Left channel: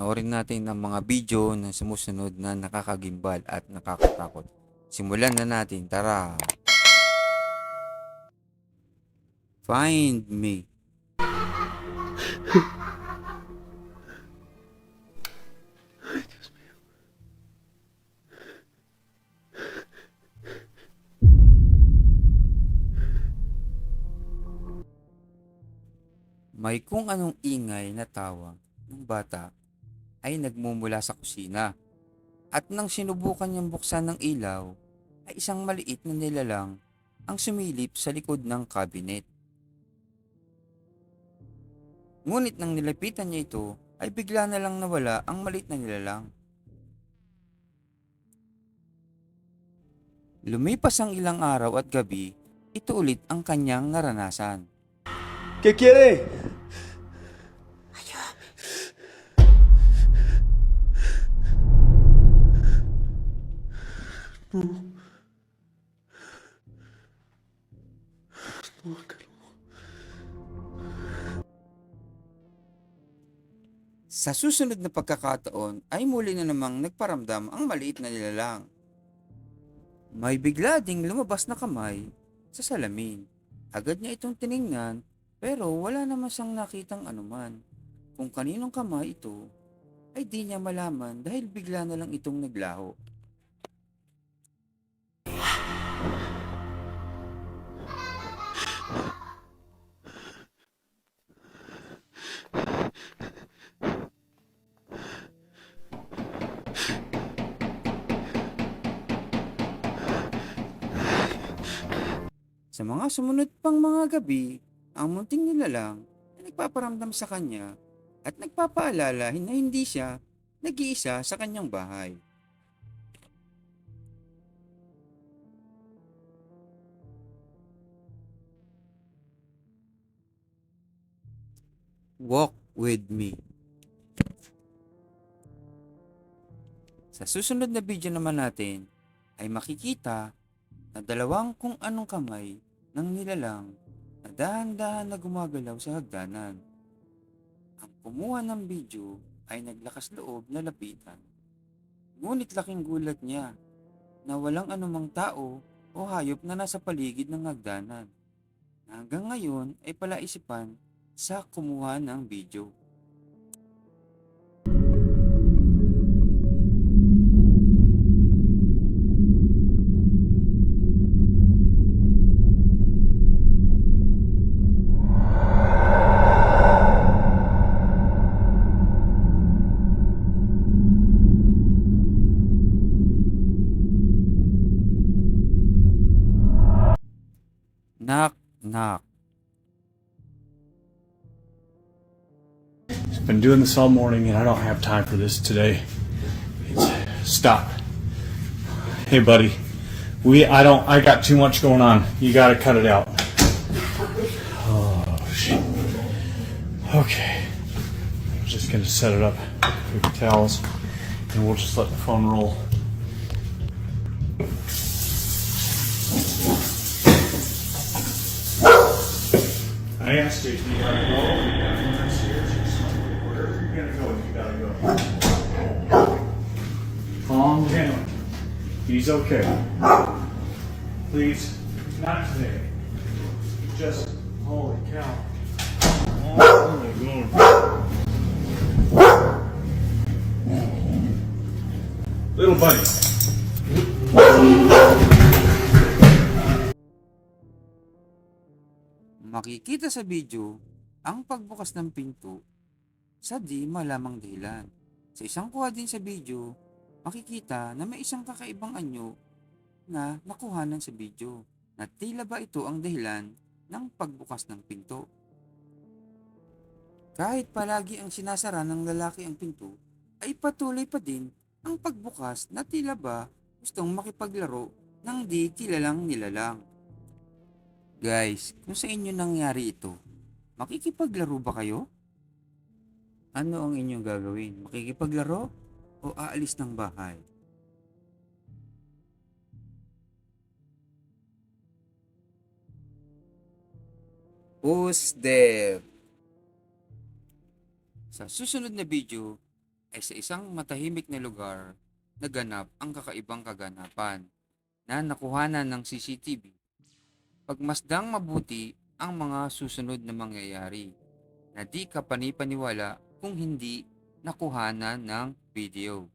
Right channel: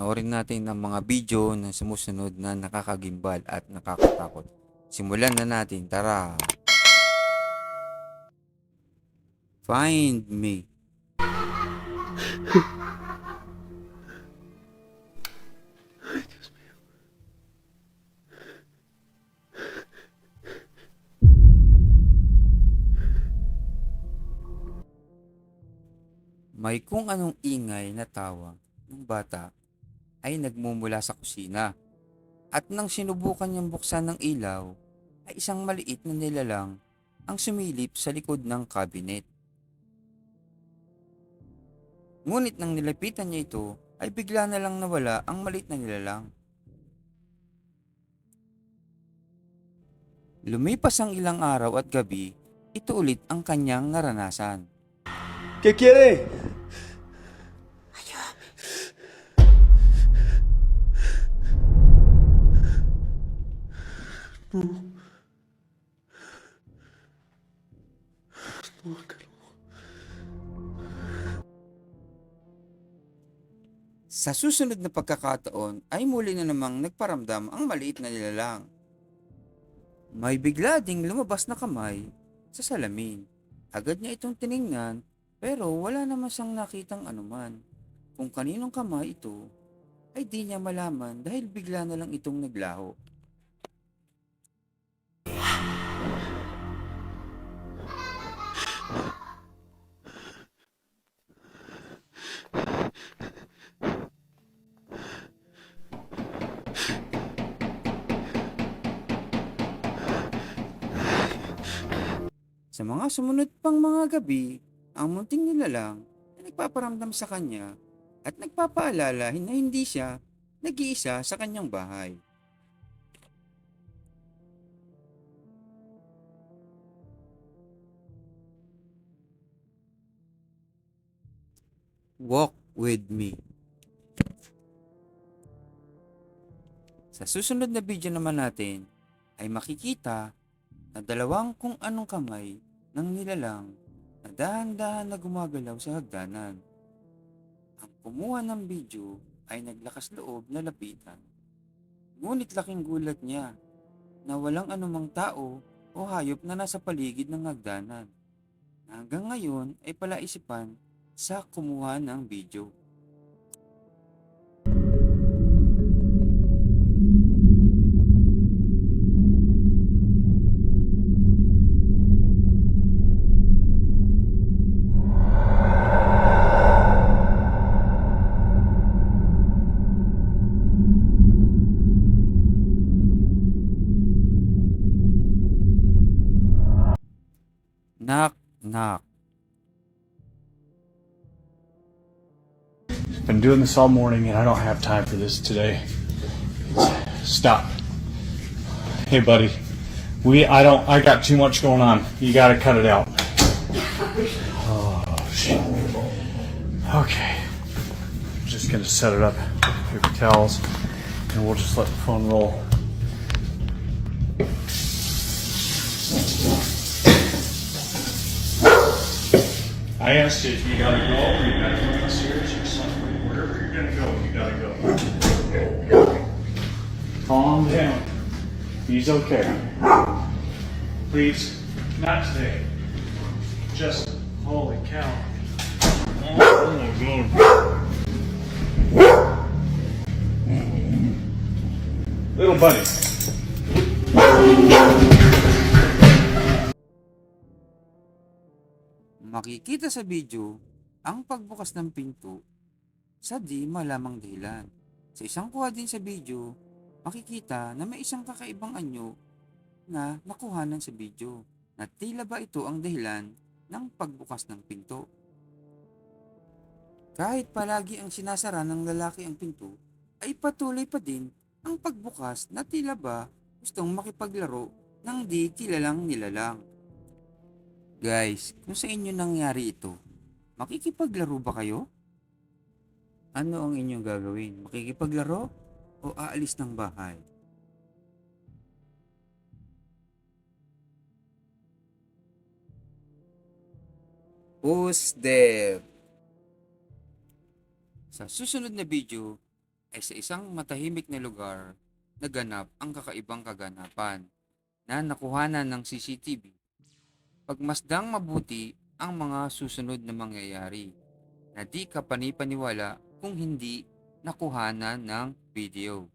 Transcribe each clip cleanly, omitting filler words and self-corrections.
Panoorin natin ang mga video na sumusunod na nakakagimbal at nakakatakot. Simulan na natin, tara! Find me. May kung anong ingay na tawa ng bata ay nagmumula sa kusina. At nang sinubukan niyang buksan ng ilaw, ay isang maliit na nilalang ang sumilip sa likod ng cabinet. Ngunit nang nilapitan niya ito, ay bigla na lang nawala ang maliit na nilalang. Lumipas ang ilang araw at gabi, ito ulit ang kanyang naranasan. ¿Qué quiere? No. No, acá no. Sa susunod na pagkakataon ay muli na namang nagparamdam ang maliit na nilalang. May bigla ding lumabas na kamay sa salamin. Agad niya itong tiningnan pero wala naman siyang nakitang anuman. Kung kaninong kamay ito ay di niya malaman dahil bigla na lang itong naglaho. Sa mga sumunod pang mga gabi, ang munting nilalang ay nagpaparamdam sa kanya at nagpapaalala na hindi siya nag-iisa sa kanyang bahay. Walk with me. Sa susunod na video naman natin ay makikita na dalawang kung anong kamay ng nilalang na dahan-dahan na gumagalaw sa hagdanan. Ang kumuha ng video ay naglakas loob na lapitan. Ngunit laking gulat niya na walang anumang tao o hayop na nasa paligid ng hagdanan. Hanggang ngayon ay palaisipan sa kumuha ng video. Knock, knock. Been doing this all morning and I don't have time for this today. Stop. Hey buddy. I got too much going on. You gotta cut it out. Oh shit. Okay. I'm just gonna set it up. Paper towels. And we'll just let the phone roll. I asked you if you gotta go or you gotta go downstairs or something. Wherever you're gonna go, you gotta go. Calm down. He's okay. Please, not today. Just, holy cow. Oh my God. Little buddy. Makikita sa video ang pagbukas ng pinto sa di malamang dahilan. Sa isang kuha din sa video, makikita na may isang kakaibang anyo na nakuhanan sa video na tila ba ito ang dahilan ng pagbukas ng pinto. Kahit palagi ang sinasara ng lalaki ang pinto, ay patuloy pa din ang pagbukas na tila ba gustong makipaglaro ng di kilalang nilalang. Guys, kung sa inyo nangyari ito, makikipaglaro ba kayo? Ano ang inyong gagawin? Makikipaglaro o aalis ng bahay? Who's there? Sa susunod na video ay sa isang matahimik na lugar naganap ang kakaibang kaganapan na nakuhanan ng CCTV. Pagmasdang mabuti ang mga susunod na mangyayari na di ka panipaniwala kung hindi nakuhanan ng video.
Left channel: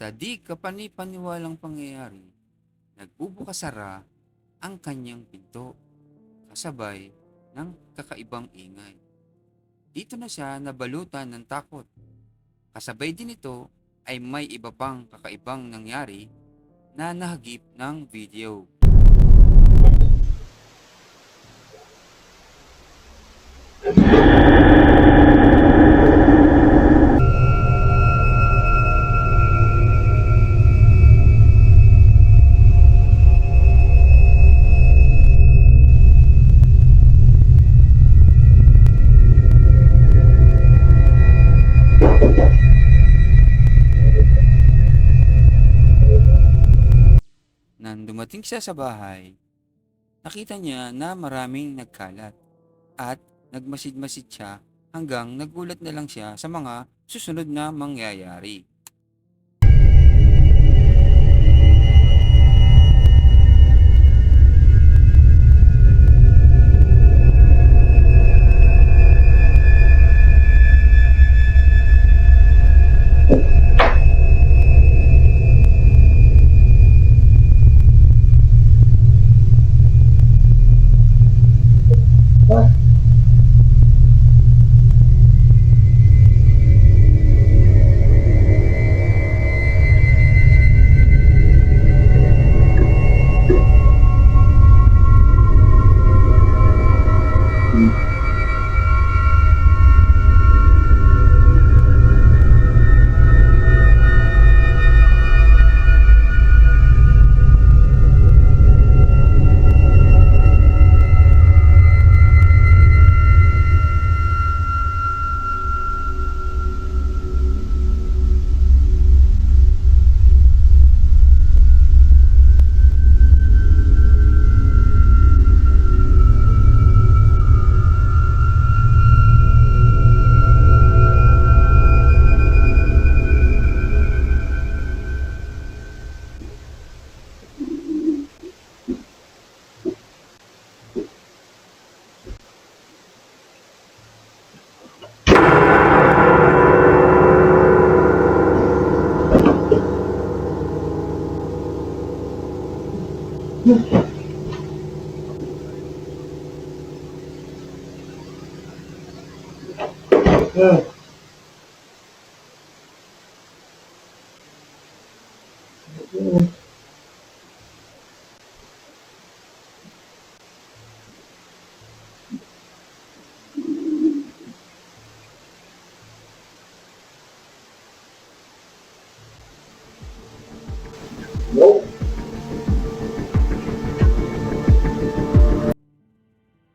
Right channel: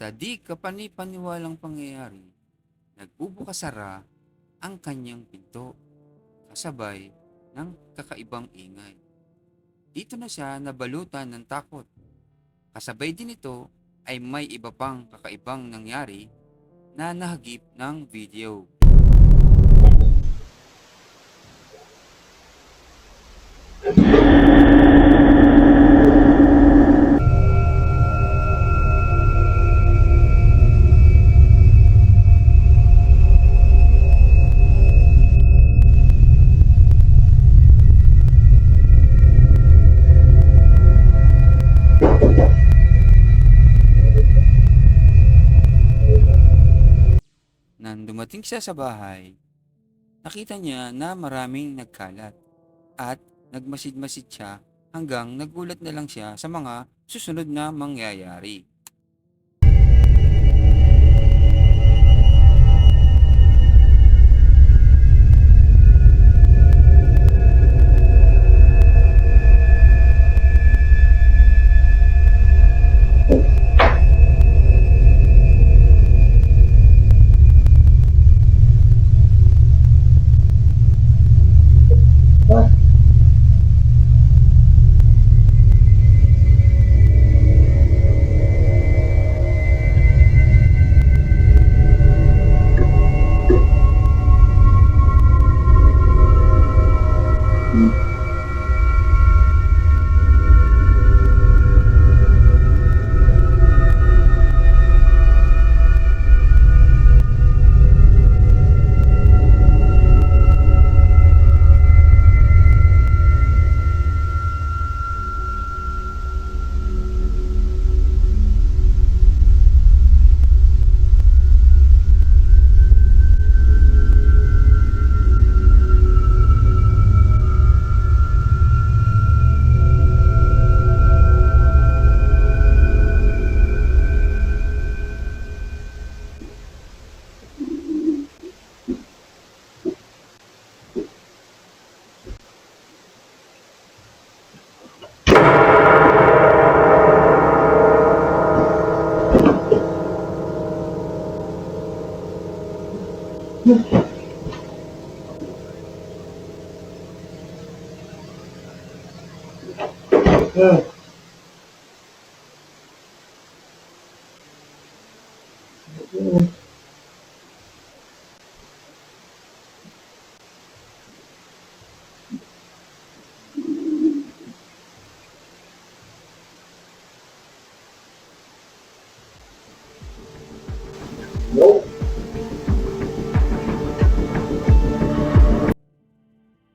Sa di kapanipaniwalang pangyayari, nagbubukasara ang kanyang pinto kasabay ng kakaibang ingay. Dito na siya nabalutan ng takot. Kasabay din ito ay may iba pang kakaibang nangyari na nahagip ng video. Nang dumating siya sa bahay, nakita niya na maraming nagkalat at nagmasid-masid siya hanggang nagulat na lang siya sa mga susunod na mangyayari.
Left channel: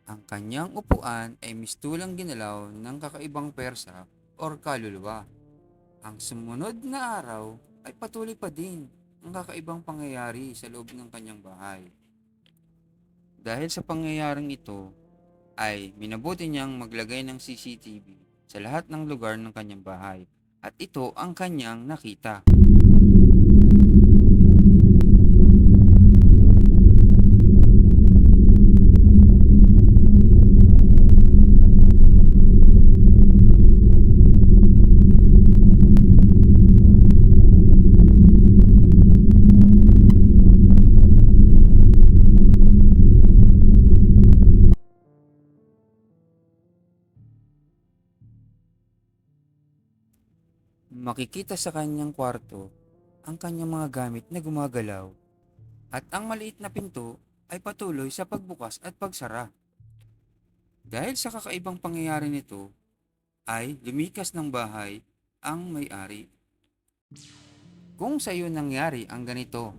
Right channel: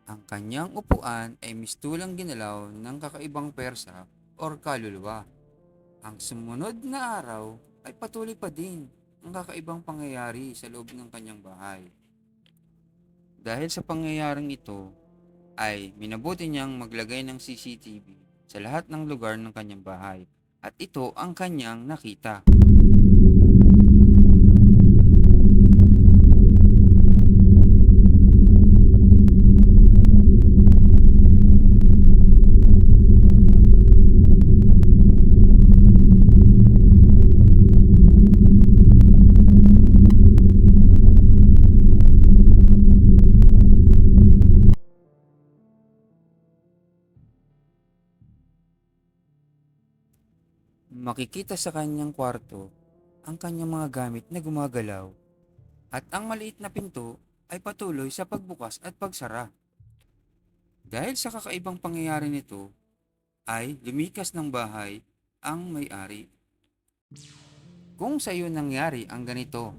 Ang kanyang upuan ay mistulang ginalaw ng kakaibang persa or kaluluwa. Ang sumunod na araw ay patuloy pa din ang kakaibang pangyayari sa loob ng kanyang bahay. Dahil sa pangyayaring ito, ay minabuti niyang maglagay ng CCTV sa lahat ng lugar ng kanyang bahay at ito ang kanyang nakita. Makikita sa kanyang kwarto ang kanyang mga gamit na gumagalaw at ang maliit na pinto ay patuloy sa pagbukas at pagsara. Dahil sa kakaibang pangyayari nito ay lumikas ng bahay ang may-ari. Kung sa iyo nangyari ang ganito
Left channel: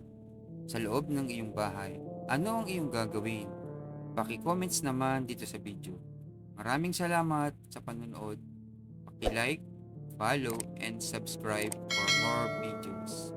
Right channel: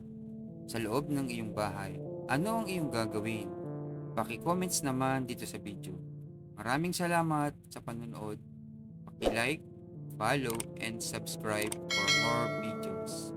sa loob ng iyong bahay, ano ang iyong gagawin? Paki-comments naman dito sa video. Maraming salamat sa panonood. Paki-like, follow, and subscribe for more videos.